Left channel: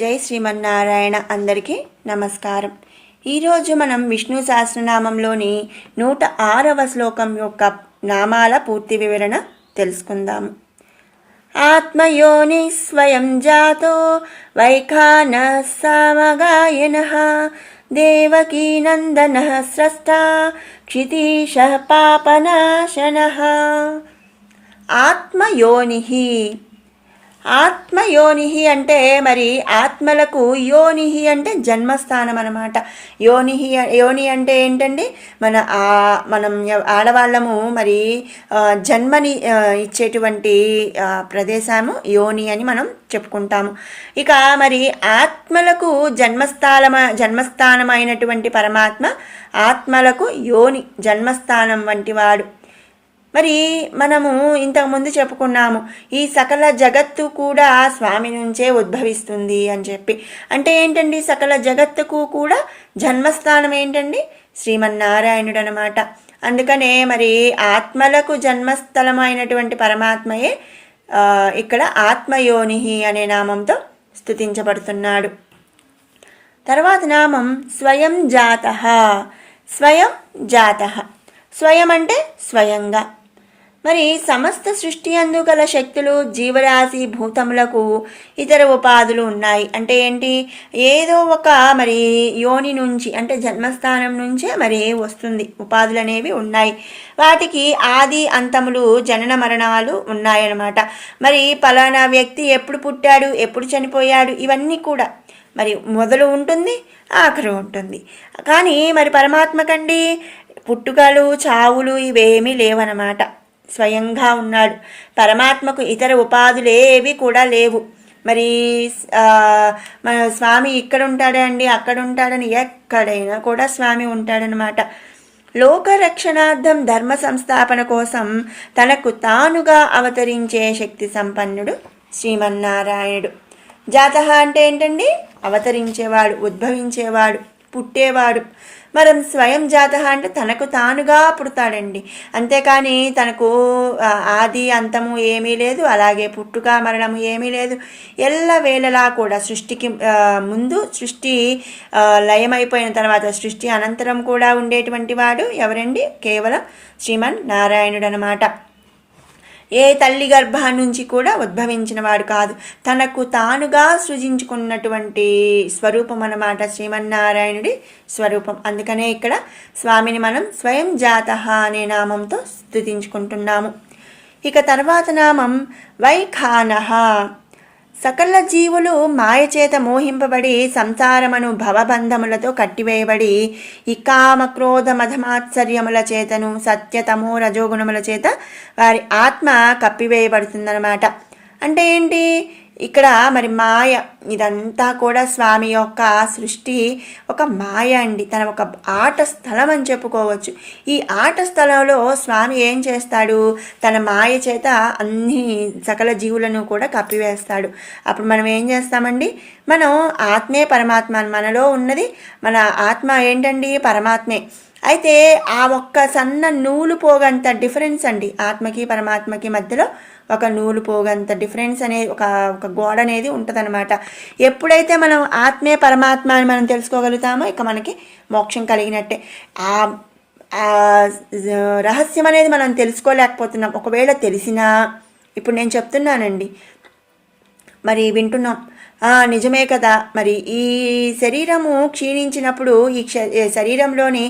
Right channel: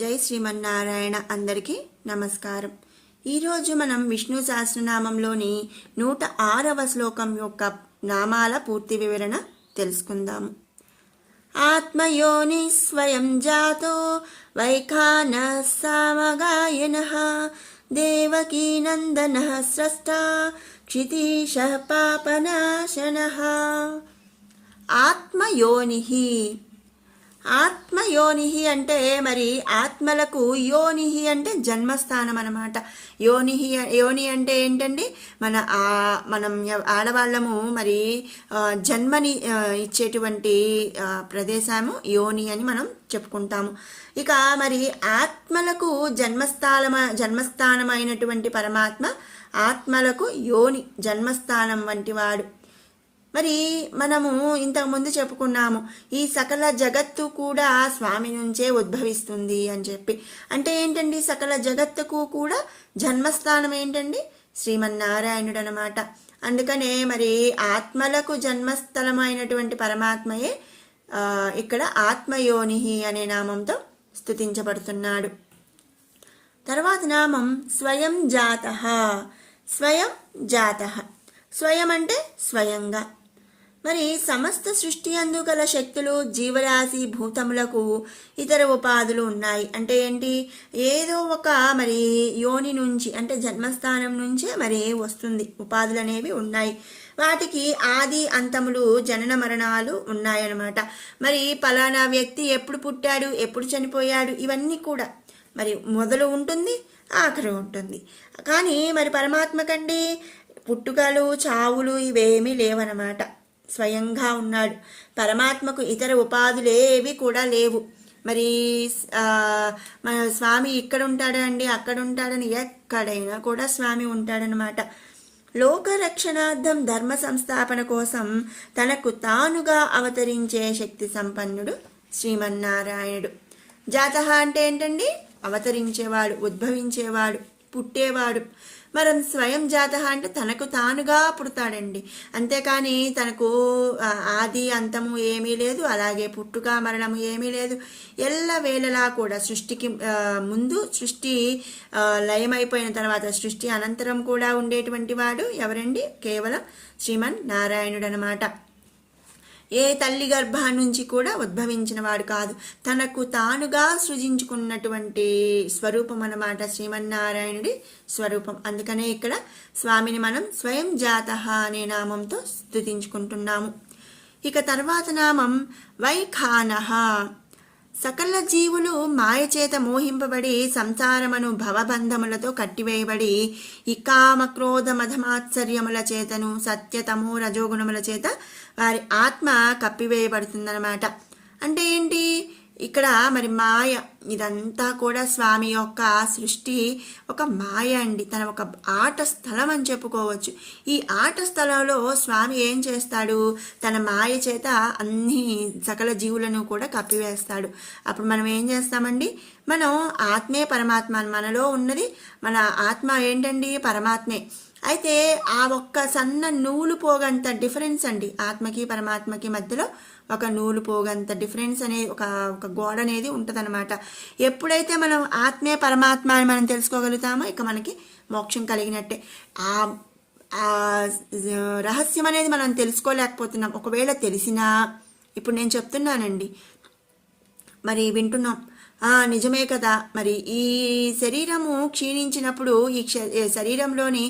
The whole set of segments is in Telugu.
జై శ్రీమన్నారాయణ. అందరికీ నమస్కారం. ఈరోజు మనం విష్ణు సహస్రనామంలోని 106వ శ్లోకం యొక్క నామాల పూర్తి వివరణ తెలుసుకుందాము. ఆత్మయోని స్వయం జాతో వైఖాన సామగాయన దేవకీ నందన స్రష్ట క్షితీశ పాపనాశన. ఆత్మయోని. ఆత్మయోని అంటే మరి ఆత్మలకు యోని అంటే జన్మస్థానం అన్నమాట. యోని అంటే ఏంటండి, మనం ఆడవాళ్ళము మరి జన్మని ఇచ్చేటువంటి ప్రదేశము యోని అని మనం చెప్పుకుంటాము. ఇక మరి ఆత్మలకు జన్మస్థానమైనటువంటి పరమాత్మ ఆత్మలకు యోని జన్మస్థానం వంటి వాడు. మరి మనము ఇంతకుముందు చెప్పుకున్నాము, ఈ సకల జగత్తు కూడా స్వామి నుంచే ఉద్భవిస్తుంది అని చెప్పి. అంటే ఏంటండి, సకల జగత్తుకు కూడా జన్మస్థానం ఏంటండి, శ్రీమన్నారాయణుడు అనమాట. అందుకనే మరి ఆత్మలకు జన్మస్థలమైనటువంటి పరమాత్మయే ఇక్కడ ఆత్మయోని అనే నామంతో స్తుతించబడుతున్నాడు. తర్వాత నామం స్వయం జాత. స్వయం జాత. స్వయం అంటే స్వయంగా. మరి సమస్త సృష్టి అందు గల శక్తులు, జీవరాశి, భూతములకు ఇతర ఉపాధులు ఉన్నాయి. అంటే ఏంటి, ఏదో ఒక మరి యోని నుంచి అంటే జన్మస్థానం నుంచే మరి వస్తుంది. ఉపాధులు అనేవి ఉన్నాయి. వాటికి ఆది అంతములు, జనన మరణాలు ఉన్నాయన్నమాట. మరి పలానా వ్యక్తి ఎప్పుడు పుట్టాడు, ఎప్పుడు చనిపోయాడు, ఇవన్నీ కూడా మరి మొదలు ఉంటుంది, ఆఖరు ఉంటుంది. కానీ మరి పరమాత్మకండి పుట్టుకలు, చావులు ఇవేమీ లేవన్నమాట. స్వయంగా ఉన్నాడు. పరమాత్మకు ఇతర ఉపాధులేవి కూడా లేవు. మరి మన స్వామి ఇక్కడ ఉంటాడండి, అక్కడ ఉంటాడని ఎక్కడైనా కూడా స్వామి ఉంటాడనమాట. లోకరక్షణార్థం, ధర్మ సంస్థాపన కోసం తనకు తానుగా అవతరించే శక్తి సంపన్నుడు శ్రీమన్నారాయణుడు. జాతః అంటే ఏంటండి, అవతరించేవాడు, ఉద్భవించేవాడు, పుట్టేవాడు. మనం స్వయం జాతః అంటే తనకు తానుగా పుడతాడండి. అంతేకాని తనకు ఆది అంతము ఏమీ లేదు, అలాగే పుట్టుక మరణము ఏమీ లేదు. ఎల్లవేళలా కూడా సృష్టికి ముందు, సృష్టి లయమైపోయిన తర్వాత, సృష్టి అనంతరం కూడా ఉండేటువంటి వాడు ఎవరండి, కేవలం శ్రీమన్నారాయణుడు అనమాట. ఏ తల్లి గర్భం నుంచి కూడా ఉద్భవించిన వాడు కాదు, తనకు తానుగా సృజించుకున్నటువంటి స్వరూపం అన్నమాట శ్రీమన్నారాయణుడి స్వరూపం. అందుకనే ఇక్కడ స్వామిని మనం స్వయం జాతః అనే నామంతో స్తుతించుకుంటున్నాము. ఇక తర్వాత నామం వైఖానః. సకల జీవులు మాయచేత మోహింపబడి సంసారమను భవబంధములతో కట్టివేయబడి ఈ కామ, క్రోధ, మధమాత్సర్యముల చేతను, సత్యతమో రజోగుణముల చేత వారి ఆత్మ కప్పివేయబడుతుందన్నమాట. అంటే ఏంటి, ఇక్కడ మరి మాయ, ఇదంతా కూడా స్వామి యొక్క సృష్టి ఒక మాయ అండి. తన ఒక ఆట స్థలం అని చెప్పుకోవచ్చు. ఈ ఆట స్థలంలో స్వామి ఏం చేస్తాడు, తన మాయ చేత అన్ని సకల జీవులను కూడా కప్పివేస్తాడు. అప్పుడు మనం ఏం చేస్తామండి, మనం ఆత్మే పరమాత్మ, మనలో ఉన్నది మన ఆత్మ ఏంటండి, పరమాత్మే. అయితే ఆ ఒక్క సన్న నూలు పోగంత డిఫరెన్స్ అండి, ఆత్మకి పరమాత్మకి మధ్యలో ఒక నూలు పోగంత డిఫరెన్స్ అనేది, ఒక గోడ అనేది ఉంటుందన్నమాట. ఎప్పుడైతే మనం ఆత్మే పరమాత్మ అని మనం తెలుసుకోగలుగుతామో ఇక మనకి మోక్షం కలిగినట్టే. ఆ రహస్యం అనేది మనం తెలుసుకోలేకపోతున్నాం. ఒకవేళ తెలిసినా, ఇప్పుడు నేను చెప్తున్నానండి, మరి వింటున్నాం, నిజమే కదా, మరి ఈ శరీరము క్షీణించినప్పుడు ఈ శరీరంలోని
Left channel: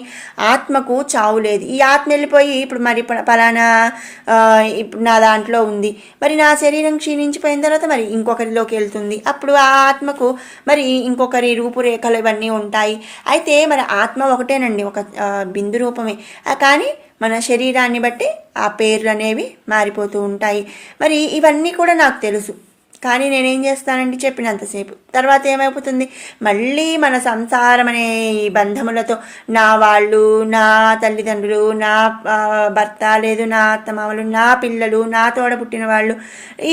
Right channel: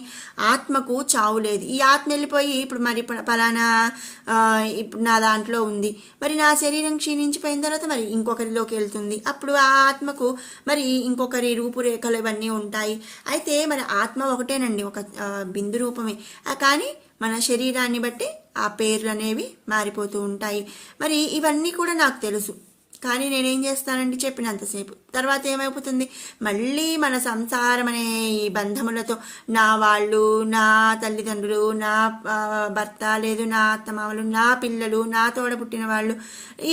ఆత్మకు చావు లేదు. ఈ ఆత్మ వెళ్ళిపోయి ఇప్పుడు మరి పలానా ఇప్పుడు నా దాంట్లో ఉంది, మరి నా శరీరం క్షీణించిపోయిన తర్వాత మరి ఇంకొకరిలోకి వెళ్తుంది. అప్పుడు ఆ ఆత్మకు మరి ఇంకొకరి రూపురేఖలు ఇవన్నీ ఉంటాయి. అయితే మరి ఆత్మ ఒకటేనండి, ఒక బిందు రూపమే. కానీ మన శరీరాన్ని బట్టి ఆ పేర్లు అనేవి మారిపోతూ ఉంటాయి. మరి ఇవన్నీ కూడా నాకు తెలుసు. కానీ నేనేం చేస్తానండి, చెప్పినంతసేపు తర్వాత ఏమైపోతుంది, మళ్ళీ మన సంసారం అనే ఈ బంధములతో నా వాళ్ళు, నా తల్లిదండ్రులు, నా భర్త, లేదు నా అత్తమామలు, నా పిల్లలు, నా తోడ పుట్టిన వాళ్ళు,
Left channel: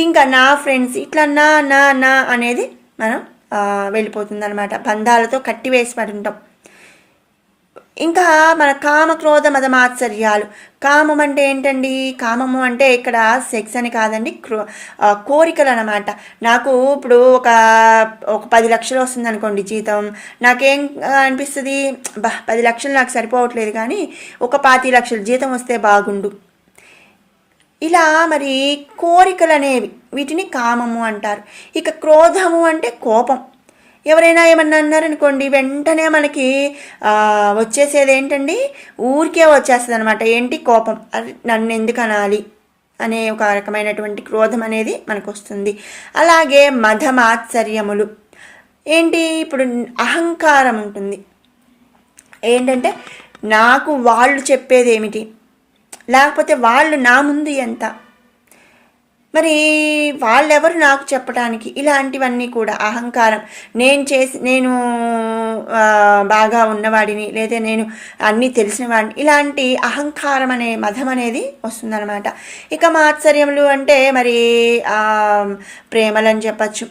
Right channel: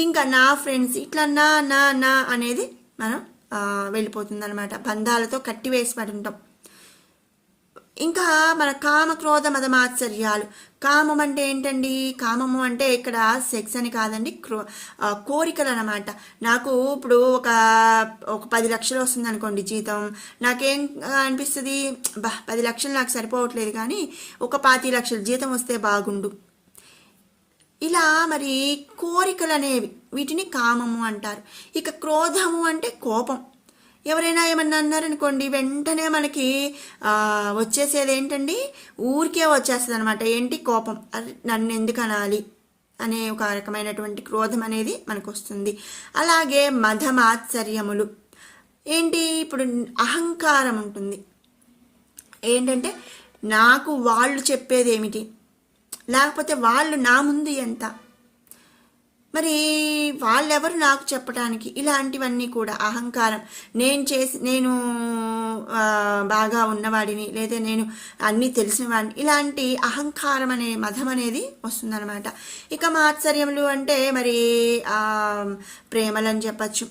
ఇంకా నా ఫ్రెండ్స్, ఇట్లా నా నా నా అనేది మనం వెళ్ళిపోతుంది అనమాట. బంధాలతో కట్టివేసి పడి ఉంటాం. ఇంకా మన కామ క్రోధ మద మాత్సర్యాలు. కామం అంటే ఏంటండి? కామము అంటే ఇక్కడ సెక్స్ అని కాదండి, కోరికలు అన్నమాట. నాకు ఇప్పుడు ఒక ఒక 10 లక్షలు వస్తుంది అనుకోండి జీతం, నాకేం అనిపిస్తుంది, 10 లక్షలు నాకు సరిపోవట్లేదు కానీ ఒక 25 లక్షలు జీతం వస్తే బాగుండు. ఇలా మరి కోరికలు అనేవి, వీటిని కామము అంటారు. ఇక క్రోధము అంటే కోపం. ఎవరైనా ఏమన్నా అన్నారనుకోండి, వెంటనే మనకి వచ్చేసేది ఏంటండి, ఊరికే వచ్చేస్తుంది అనమాట. ఏంటి? కోపం. నన్ను ఎందుకు అనాలి అనే ఒక రకమైనటువంటి క్రోధం అనేది మనకు వస్తుంది. అలాగే మధమాత్సర్యములు ఏంటి? ఇప్పుడు అహంకారం ఉంటుంది. ఏంటంటే నాకు వాళ్ళు చెప్పేది ఏమిటి, లేకపోతే వాళ్ళు నా ముందు ఎంత, మరి వాళ్ళెవరు నాకు చెప్పడానికి, ఇలాంటివన్నీ కూడా అహంకారం. నేను బాగా ఉన్నవాడిని, లేదా నేను అన్నీ తెలిసిన వాడిని, ఇలాంటి అహంకారం అనే మదం అనేది వస్తుందన్నమాట. ఇక మాత్సర్యములు అంటే మరి ప్రేమలని చెప్పచ్చు.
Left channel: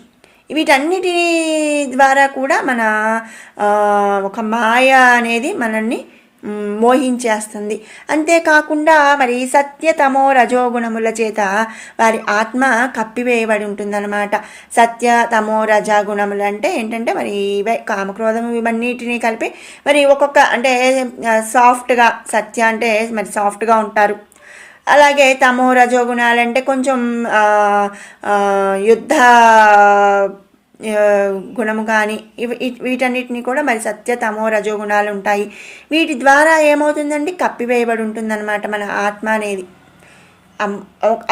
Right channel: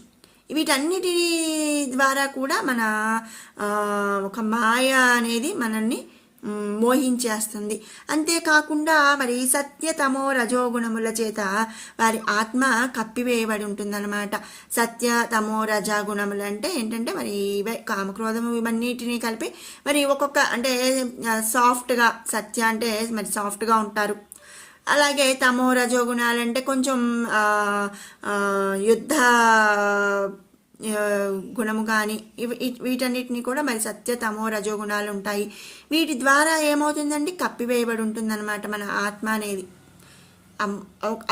వీటన్నిటి ద్వారా కూడా మన ఒక మాయ అనేది మనల్ని మోహించేస్తుంది. అంతేకాకుండా మరి సత్యతమో రజోగుణముల చేత వారి ఆత్మ కప్పివేయబడి ఉంటుందన్నమాట. సత్య తమో రజగుణములు అంటే ఏంటంటే మరి ఇవే కామక్రోధము, ఇవన్నిటినీ కలిపి మరి ఒక్కొక్క అంటే సాఫ్ట్గా, సత్య అంటే మరి సాఫ్ట్గా ఉంటారు. అలాగే తమో రజోగుణాలంటే కొంచెం యుద్ధ గుణము కానీ వీటన్నిటిని కూడా మరి సత్య తమో రజోగుణాలు ఉంటాయి. వీటి ద్వారా ఏమవుతుందండి? కప్పివేయబడి ఉంటుందన్నమాట మన ఆత్మ అనేది.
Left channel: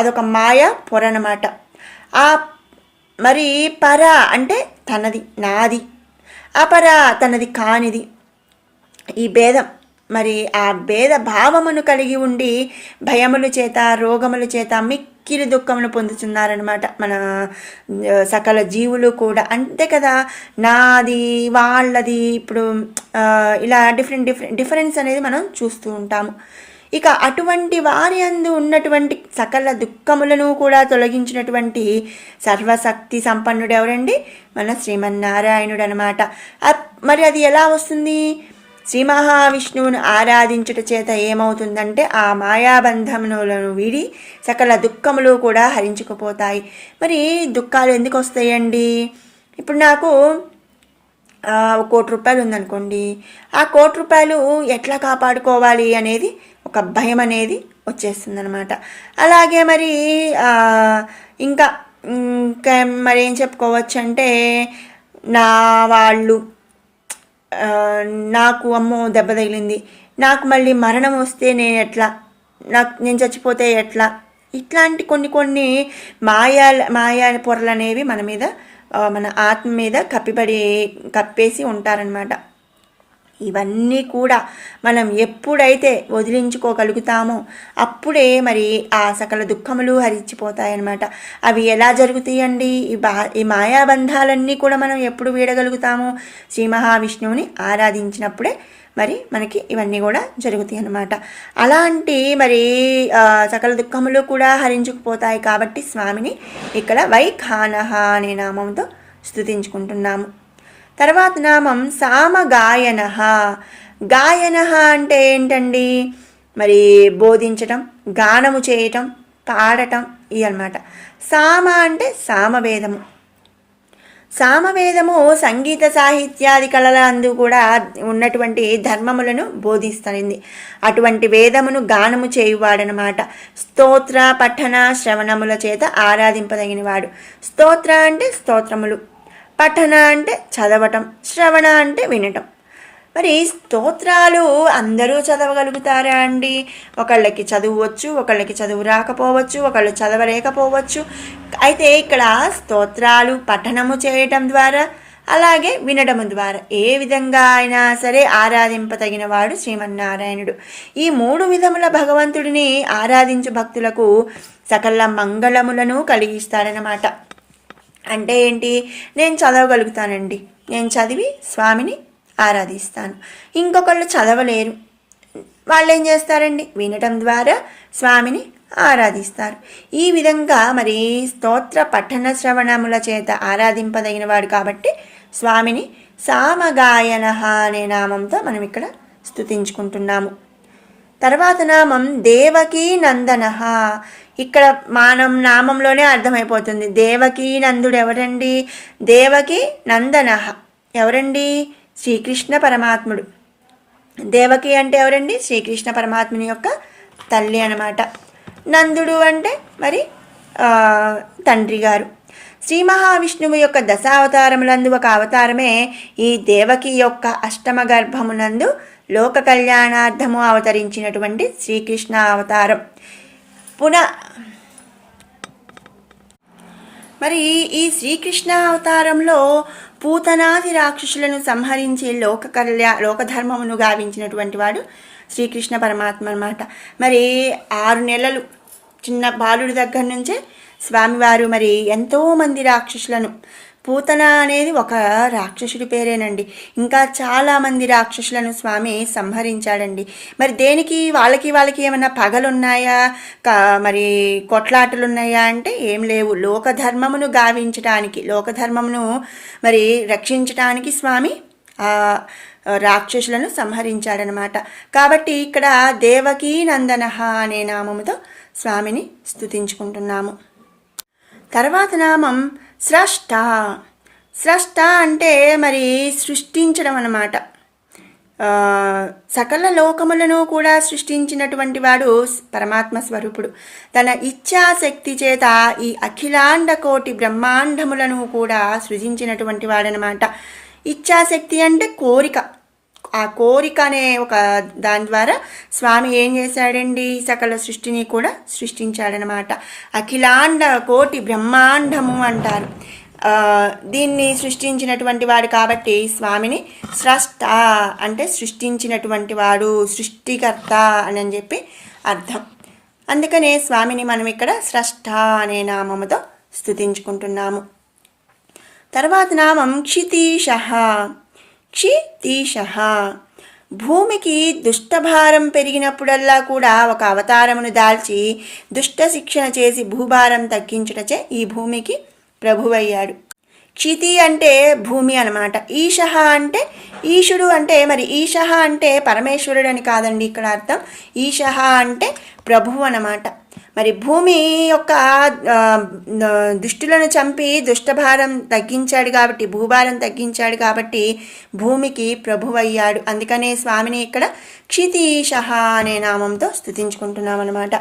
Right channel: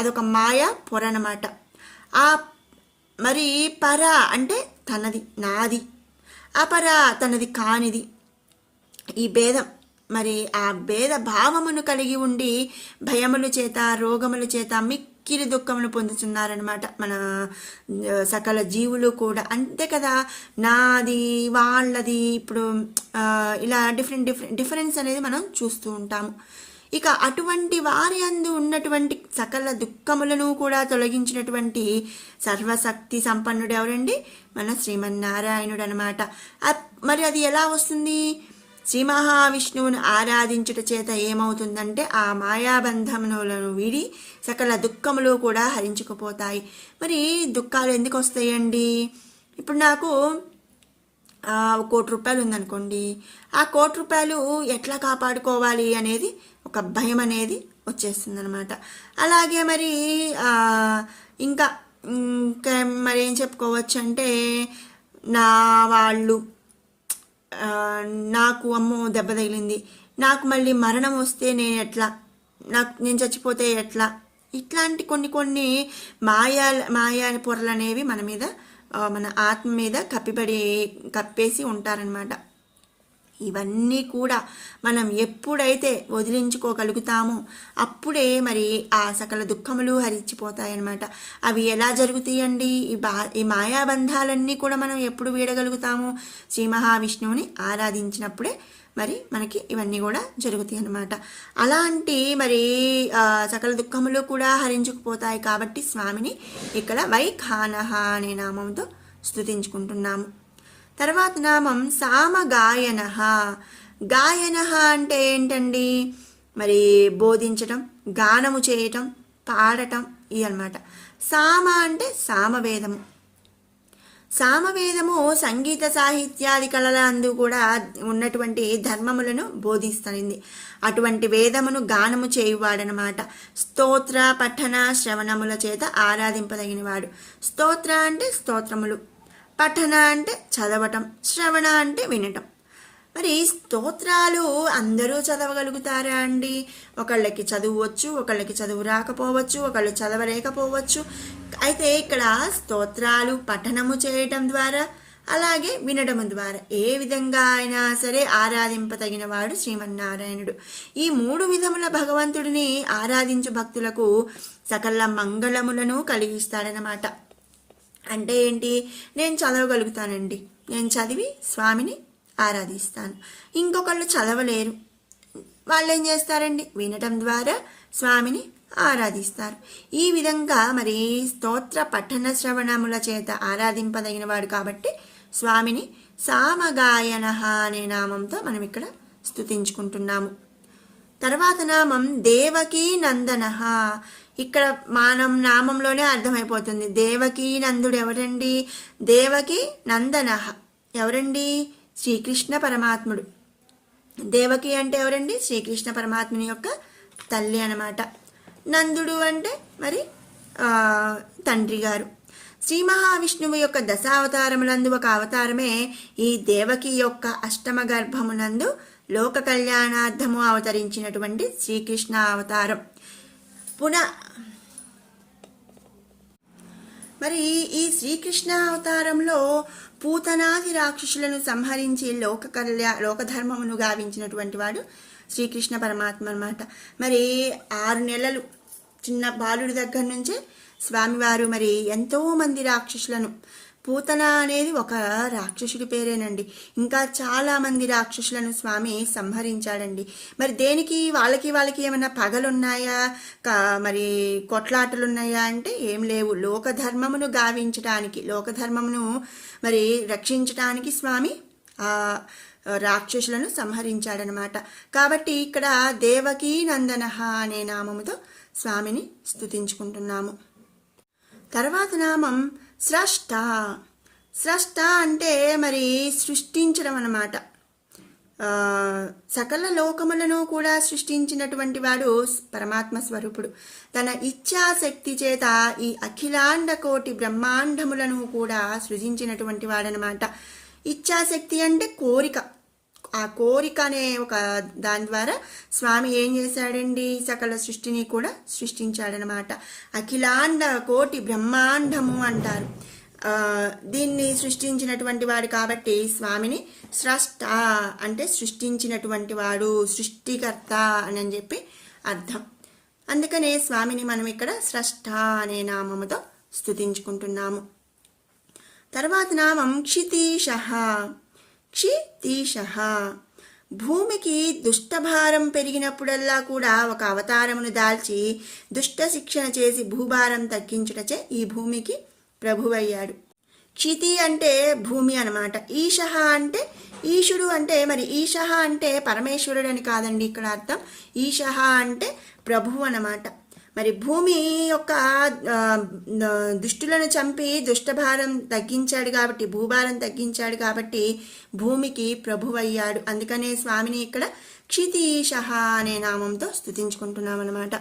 అదొక మాయ పొర అన్నమాట. ఆ మరి పర అంటే తనది, నాది. అపర తనది కానిది. ఈ భేదం, మరి ఆ భేద భావమును కలిగి ఉండి భయముల చేత, రోగముల చేత మిక్కిలి దుఃఖమును పొందుతున్నారనమాట మన సకల జీవులు కూడా. అంతే కదా, నాది వాళ్ళది, ఇప్పుడు ఇలా డిఫరెన్స్ అనేది మనం చూస్తూ ఉంటాము. ఇక అటువంటి వారి అందు ఉన్నటువంటి సకల దుఃఖములను కూడా తొలగించినటువంటి సర్వశక్తి సంపన్నుడు ఎవరండి? మన శ్రీమన్నారాయణుడు అనమాట. మరి అది ఎలా వస్తుంది? శ్రీ మహావిష్ణువును ఆరాధించుట చేత ఏమవుతుందంటే ఆ మాయాబంధములను వీడి సకల దుఃఖములు కూడా హరించుకుపోతాయి. మరి దుఃఖాలు ఎందుకు వస్తాయండి? ఇప్పుడు నాకు 1 కోటి రూపాయలు ఉందనుకోండి, ఆ 1 కోటి రూపాయలు ఎట్లా కాపాడుకోవాలి అనేది ఒక భయం అనేది వచ్చేస్తుంది అనమాట. అలాగే మరి ఇంకా ఇంకా మరి ఏం చెప్పుకోవచ్చు అంటే, నా వాళ్ళు నాకు అమ్మో దెబ్బ తగిలింది, నాకు మళ్ళీ మరణం వస్తే నేను చచ్చిపోతే ఎట్లా, ఇట్లాంటి కొన్ని మాయా పొరలు అనేవి మన మీద, మన ఆత్మ మీద కప్పేసి ఉంటారనమాట. ఇవన్నీ కూడా మనం ఎప్పుడైతే వదిలించుకోగలుగుతామో అప్పుడే మరి ఆ సకల దుఃఖములు హరించిపోతాయన్నమాట. అవి ఎలా జరుగుతాయండి? ఈ మాయాబంధాలన్నీ కూడా మనం ఎప్పుడు వీడగలుగుతాము? శ్రీ మహావిష్ణువుని ఆరాధించినప్పుడే మరి మనకి ఇవన్నీ కూడా జరుగుతాయి అన్నమాట. అలాంటి మరి సకల దుఃఖములు కూడా హరించుకుపోతాయి కాబట్టి స్వామిని ఇక్కడ వైఖానహ అనే నామంతో స్తుతించుకుంటున్నాము. తర్వాత నామం సామగాయన. గాయన అంటే ఏంటండి? మరి బోధించటం, గానము చేయటం, పాడటం, ఇవి అన్నమాట. సామ అంటే సామవేదము. సామవేదము సంగీత సాహిత్యాది కళల అందు కూడా ఉన్నటువంటి ధర్మములను బోధిస్తుంది. అటువంటి వేదమును గానము చేయువాడనమాట. స్తోత్ర పఠన శ్రవణముల చేత ఆరాధింపదగినవాడు. స్తోత్ర అంటే స్తోత్రములు, పఠన అంటే చదవటం, శ్రవణ అంటే వినటం. మరి స్తోత్రాలు అందరూ చదవగలుగుతారా అండి? ఒకళ్ళకి చదువు వచ్చు, ఒకళ్ళకి చదువు రాకపోవచ్చు, ఒకళ్ళు చదవలేకపోవచ్చు. అయితే ఇక్కడ స్తోత్రాలు పఠనము చేయటం ద్వారా, అలాగే వినడము ద్వారా ఏ విధంగా అయినా సరే ఆరాధింపతగిన వాడు శ్రీమన్నారాయణుడు. ఈ 3 విధముల భగవంతుడిని ఆరాధించు భక్తులకు సకల మంగళములను కలిగిస్తాడనమాట. అంటే ఏంటి? నేను చదవగలుగుతానండి, నేను చదివి స్వామిని ఆరాధిస్తాను. ఇంకొకళ్ళు చదవలేరు, వాళ్ళు ఏం చేస్తారండి? వినటం ద్వారా స్వామిని ఆరాధిస్తారు. ఈ విధంగా మరి స్తోత్ర పఠన శ్రవణముల చేత ఆరాధింపదగినవాడు కాబట్టి స్వామిని సామగాయన అనే నామంతో మనం ఇక్కడ స్తుతించుకుంటున్నాము. తర్వాత నామం దేవకీ నందన. ఇక్కడ మనం నామంలోనే అర్థమైపోతుంది. దేవకీ నందుడు ఎవరండి? దేవకీ నందన ఎవరండి? శ్రీకృష్ణ పరమాత్ముడు. దేవకి అంటే ఎవరండి? శ్రీకృష్ణ పరమాత్ముని యొక్క తల్లి అన్నమాట. నందుడు అంటే మరి తండ్రి గారు. శ్రీ మహావిష్ణువు యొక్క దశావతారములందు ఒక అవతారమే ఈ దేవకి యొక్క అష్టమ గర్భమునందు లోక కళ్యాణార్థము అవతరించినటువంటి శ్రీకృష్ణ అవతారం. మరి ఈ శ్రీకృష్ణ అవతారంలో పూతనాది రాక్షసులను సంహరించి లోకధర్మమును గావించినటువంటి వాడు శ్రీకృష్ణ పరమాత్మ అన్నమాట. మరి 6 నెలలు చిన్న బాలుడి దగ్గర నుంచే స్వామివారు మరి ఎంతోమంది రాక్షసులను, పూతన అనేది ఒక రాక్షసుడి పేరేనండి, ఇంకా చాలామంది రాక్షసులను స్వామి సంహరించాడండి. మరి దేనికి వాళ్ళకి ఏమైనా పగలున్నాయా, మరి కొట్లాటలున్నాయా అంటే ఏం లేవు. లోకధర్మమును గావించడానికి, లోకధర్మమును మరి రక్షించడానికి స్వామి ఆ రాక్షసులను సంహరించాడనమాట. కాబట్టి ఇక్కడ దేవకీ నందన అనే నామముతో స్వామిని స్తుతించుకుంటున్నాము. తర్వాత నామం స్రష్ట. స్రష్ట అంటే మరి సృష్టించడం అన్నమాట. సకల లోకములను కూడా సృష్టించినటువంటి వాడు పరమాత్మ స్వరూపుడు. తన ఇచ్ఛాశక్తి చేత ఈ అఖిలాండ కోటి బ్రహ్మాండములను కూడా సృజించినటువంటి వాడనమాట. ఇచ్ఛాశక్తి అంటే కోరిక. ఆ కోరిక అనే ఒక దాని ద్వారా స్వామి ఏం చేశాడండి? సకల సృష్టిని కూడా సృష్టించాడనమాట. అఖిలాండ కోటి బ్రహ్మాండము అంటారు. దీన్ని సృష్టించినటువంటి వాడు కాబట్టి స్వామిని స్రష్ట అంటే సృష్టించినటువంటి వాడు, సృష్టికర్త అని చెప్పి అర్థం. అందుకనే స్వామిని మనం ఇక్కడ స్రష్ట అనే నామముతో స్తుతించుకుంటున్నాము. తర్వాత నామం క్షితీశ. క్షితీశ భూమికి దుష్టభారం పెరిగినప్పుడల్లా కూడా ఒక అవతారమును దాల్చి దుష్ట శిక్షణ చేసి భూభారం తగ్గించుటచే ఈ భూమికి ప్రభువయ్యాడు. క్షితి అంటే భూమి అనమాట. ఈశ అంటే ఈశుడు అంటే మరి ఈశ అంటే పరమేశ్వరుడు అని కాదండి ఇక్కడ అర్థం. ఈశ అంటే ప్రభువు అన్నమాట. మరి భూమి యొక్క దుష్టులను చంపి దుష్టభారం తగ్గించాడు కాబట్టి, భూభారం తగ్గించాడు కాబట్టి భూమికి ప్రభువయ్యాడు. అందుకనే స్వామిని ఇక్కడ క్షితీశ అనే నామంతో స్తుతించుకుంటున్నాం అన్నమాట.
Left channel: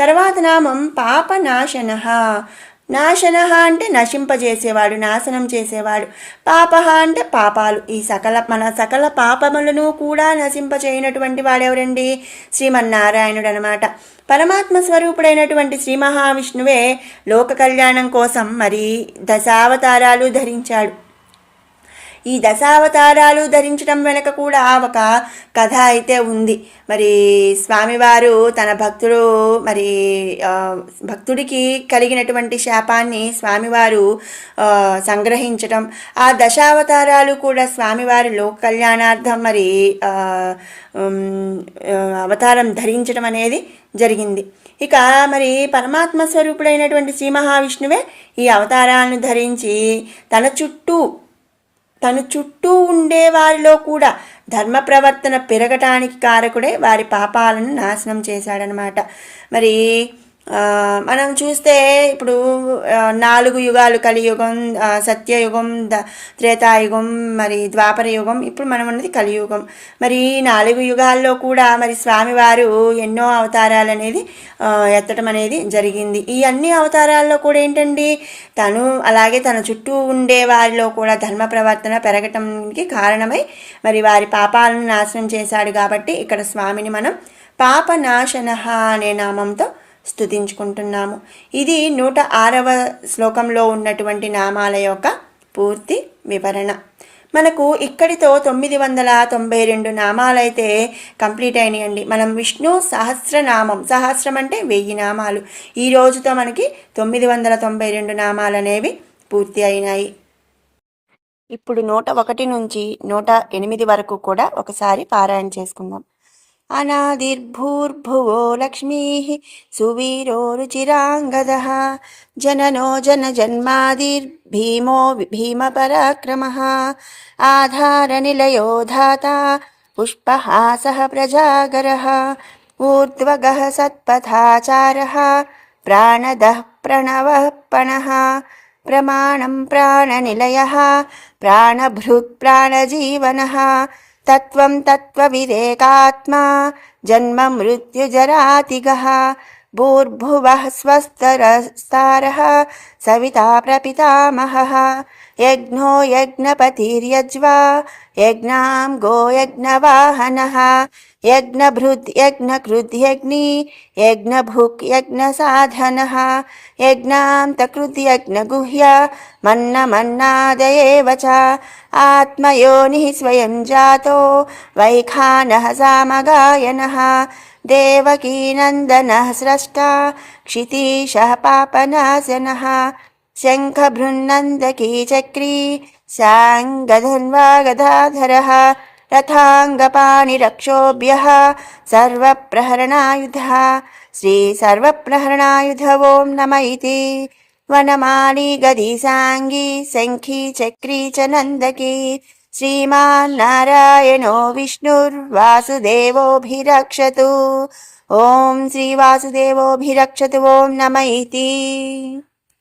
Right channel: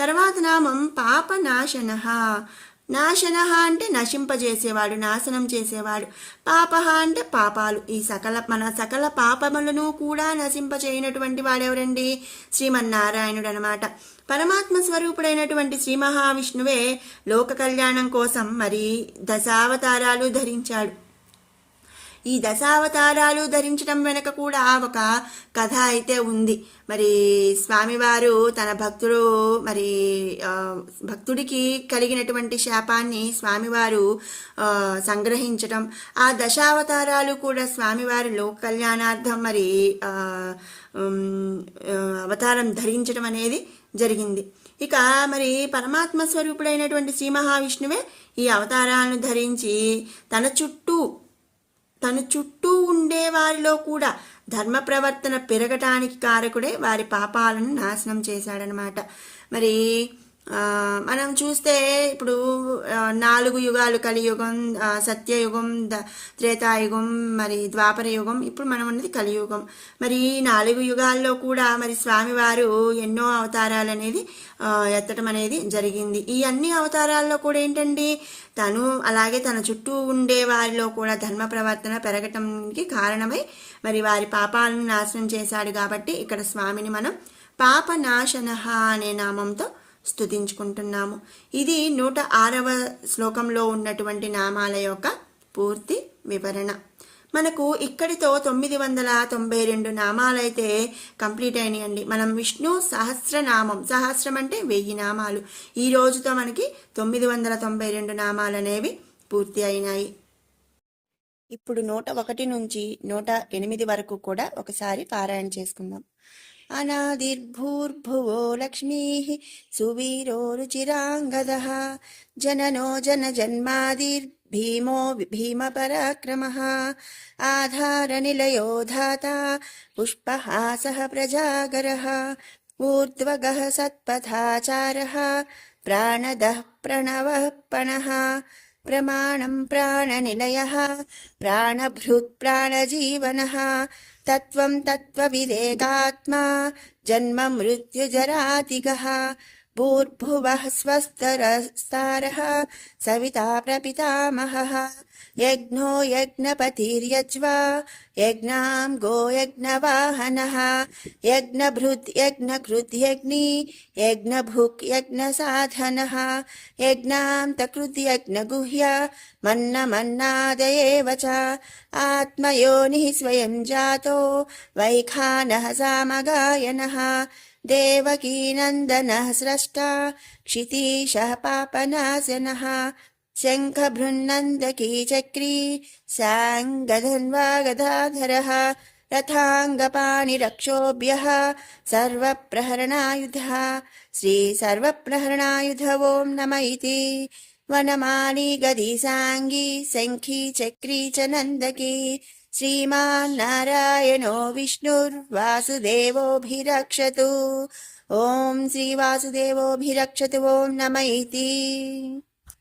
తర్వాత నామం పాపనాశన. నాశన అంటే నశింపజేసేవాడు, నాశనం చేసేవాడు. పాప అంటే పాపాలు. ఈ మన సకల పాపములను కూడా నశింపచేయనటువంటి వాడెవరండి? శ్రీమన్నారాయణుడు అనమాట. పరమాత్మ స్వరూపుడైనటువంటి శ్రీ మహావిష్ణువే లోక కళ్యాణం కోసం మరి దశావతారాలు ధరించాడు. ఈ దశావతారాలు ధరించడం వెనక కూడా ఒక కథ అయితే ఉంది. మరి స్వామివారు తన భక్తుడికి కలిగినటువంటి శాపాన్ని స్వామివారు సంగ్రహించటం, ఆ దశావతారాలు కూడా స్వామివారు లోక కళ్యాణార్థం మరి అవతారం ధరించడం అనేది జరిగింది. ఇక మరి పరమాత్మ స్వరూపుడైనటువంటి శ్రీ మహావిష్ణువే ఈ అవతారాలను ధరించి తన చుట్టూ ఉండే వారిలో కూడా ధర్మ ప్రవర్తన పెరగటానికి కారకుడే వారి పాపాలను నాశనం చేశాడనమాట. మరి మనం చూస్తే ఇప్పుడు 4 యుగాలు, కలియుగం, సత్యయుగం, త్రేతాయుగం, మరి ద్వాపర యుగం, ఇప్పుడు మనం ఉన్నది కలియుగం. మరి 4 యుగాల్లో కూడా మరి స్వామివారు ఎన్నో అవతారాలు అనేది ఎత్తడం అనేది జరిగింది. ఈ అన్ని అవతారాల్లో కూడా ఏంటండి, అలాగే తన చుట్టూ ఉండే వారిలో కూడా ధర్మ ప్రవర్తన పెరగటానికి కారణమై మరి వారి పాపాలను నాశనం చేశాడు. కాబట్టి ఇక్కడ స్వామిని మనం పాపనాశన అనే నామంతో స్తుతించుకుంటున్నాము. ఇది 106వ శ్లోకంలో ఉన్నటువంటి నామాల యొక్క పూర్తి వివరణ. మనకు ఇక్కడితో 992 నామాలైతే కంప్లీట్ అయినాయండి. మనం విష్ణు సహస్రనామం, సహస్రం అంటే 1000 నామాలు, ఈ రోజుతో మనకి 992 నామాలు అనేవి పూర్తి అయినాయి. ఇప్పుడు 101 నుంచి 108 వరకు కూడా ఒకసారి పారాయణ చేసుకుందాం. అనాదిర్భూర్భువో లక్ష్మీ సువీరో రుచిరాంగదః జననో జన్మాదిర్భీమో భీమపరాక్రమః ఆధారనిలయో ధాతా पुष्पहासः प्रजागरः ऊर्ध्वगः सत्पथाचारः प्राणदः प्रणवः पणः प्रमाणं प्राणनिलयः प्राणभृत् प्राणजीवनः तत्त्वं तत्त्वविदेकात्मा जन्म मृत्युजरातिगः भूर्भुवः स्वस्तरस्तारः सविता प्रपितामहः यज्ञो यज्ञपतिर्यज्वा यज्ञां गो यज्ञवाहनः यज्ञभृद् यज्ञकृद् यज्ञी यज्ञभुक् यज्ञसाधनः यज्ञान्तकृद् यज्ञगुह्य मन्नमन्नादयेव च आत्मयोनिः स्वयं जातो वैखानः सामगायनः देवकीनन्दनः स्रष्टा क्षितीशः पापनाशनः शङ्खभृन्नन्दकी चक्री साङ्गधन्वागदाधरः रथाङ्गपाणिरक्षोभ्यः सर्वप्रहरणायुधः श्रीसर्वप्रहरणायुध ॐ नम इति वनमाली गदी साङ्गी शङ्खी चक्री च नन्दकी श्रीमान्नारायणो विष्णुर्वासुदेवोऽभिरक्षतु ॐ श्रीवासुदेवोऽभिरक्षतु ॐ नम इति।